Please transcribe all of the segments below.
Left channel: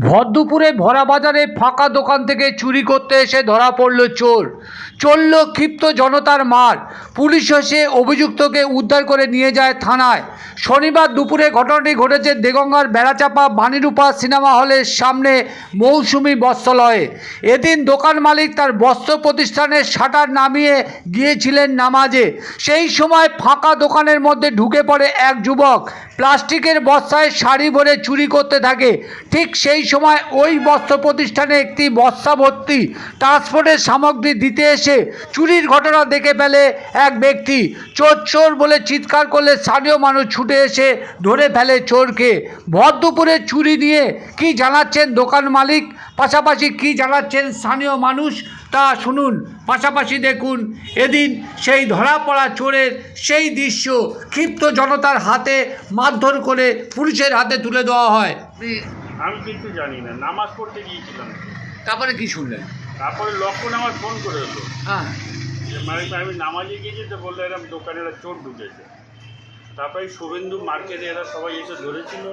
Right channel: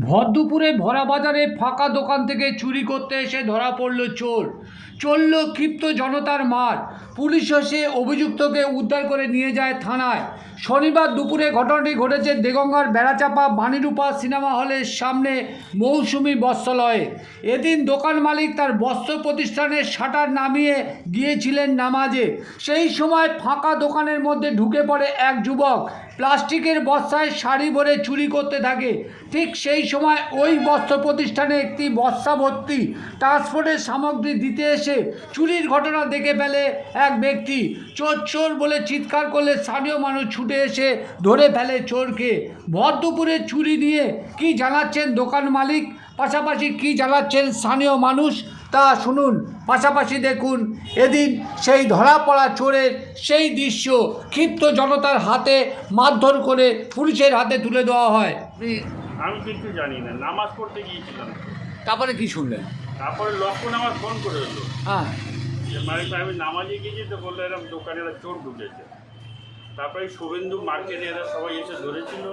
ভরদুপুরে ভরা বাজারে ফাঁকা দোকান থেকে চুরি করতে এসে ধরা পড়ল চোর। চলল ক্ষিপ্ত জনতার মার। পুলিশ এসে অভিযুক্তকে উদ্ধার করে নিয়ে যায় থানায়। শনিবার দুপুরে ঘটনাটি ঘটেছে দেগঙ্গার বেড়াচাপা বাণীরূপা সিনেমা হলের সামনে মৌসুমি বস্ত্রালয়ে। এদিন দোকান মালিক তার বস্ত্র প্রতিষ্ঠানের শাটার নামিয়ে গিয়েছিলেন নামাজে। সেই সময় ফাঁকা দোকানের মধ্যে ঢুকে পড়ে এক যুবক। প্লাস্টিকের বস্তায় শাড়ি ভরে চুরি করতে থাকে। ঠিক সেই সময় ওই বস্ত্র প্রতিষ্ঠানে একটি বস্তা ভর্তি ট্রান্সপোর্টের সামগ্রী দিতে এসে চুরির ঘটনা দেখে ফেলে এক ব্যক্তি। চোর চোর বলে চিৎকার করলে স্থানীয় মানুষ ছুটে এসে ধরে ফেলে চোরকে। ভর দুপুরে চুরি নিয়ে কি জানাচ্ছেন দোকান মালিক? পাশাপাশি কি জানাচ্ছেন স্থানীয় মানুষ? তা শুনুন। পাশাপাশি দেখুন, এদিন সেই ধরা পড়া চোরের সেই দৃশ্য ক্ষিপ্ত জনতার হাতে মারধর করে পুলিশের হাতে তুলে দেওয়া হয়। আমি কিন্তু জানি না নামাজ পড়তে গিয়েছিলাম। তারপরে কি শুনলেন? তারপরে লক্ষণ আমার ফোন করে হলো হ্যাঁ। যে মানে আমি নামাজে গিয়েছি তো বলল এরকম দোকানে এরা চোর ঢুকেছে। তারপরে শুভেন্দু মার্কেটে এরা সবাই এসে ধরেছিল।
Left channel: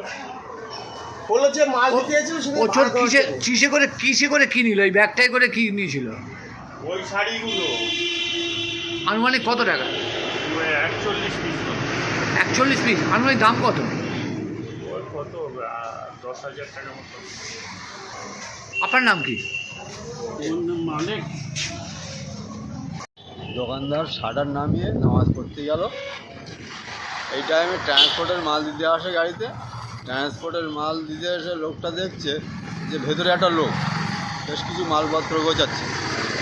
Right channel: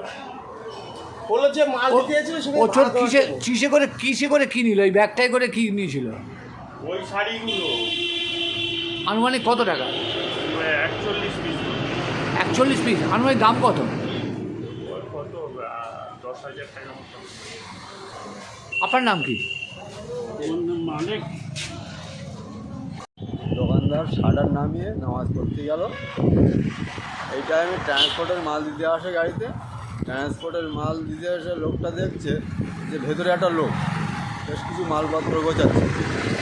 বলল যে মাল ও চোর কিসে কিসে করে কিসে করে কি নিল ওই ব্যাগটাই করে কি নিয়েছিল? ওই শাড়িগুলো। আনুমানিক কত টাকা? একচল্লিশ পিস একচল্লিশ পিস আনুমানিক দাম কত? কত দশ হাজার টাকা মতো। আপনার নাম কি? মানে দোকানদার শাটার নামিয়ে নামাজ পড়তে গেল। এই টাইমে ট্রান্সপোর্টের মাল দিতে আসে গাড়িতে। ট্রান্সপোর্টের মাল দিতে এসে লোকটা দেখছে যে ভেতরে একটা লোক। বেশ কিছু মালপত্র গোছাচ্ছে।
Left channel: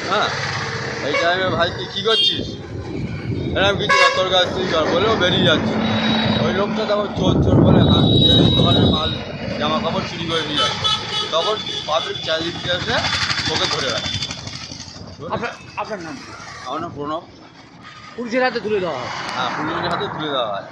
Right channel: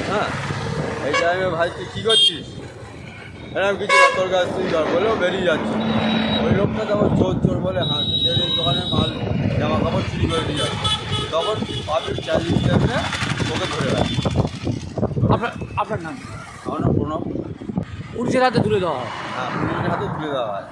হ্যাঁ? এই টাইমে ভাই তুই কী করছিস? এরকম কিছু না, গাছ তুই কর বলেও বেরিয়ে যাচ্ছে। ওই লোকটা তখন চোর চোর বলে এই দোকানের মাল জামা কাপড় চুরি করে নিয়ে যাচ্ছে তখন পাবলিক চার্জিং দিতে ওকে ধরে রাখে। আপনার আপনার নাম আমার নাম প্রণব। পুলিশের হাতে তুলে দেওয়া হয়। হ্যাঁ পুলিশের হাতে তুলে দেওয়া হয়।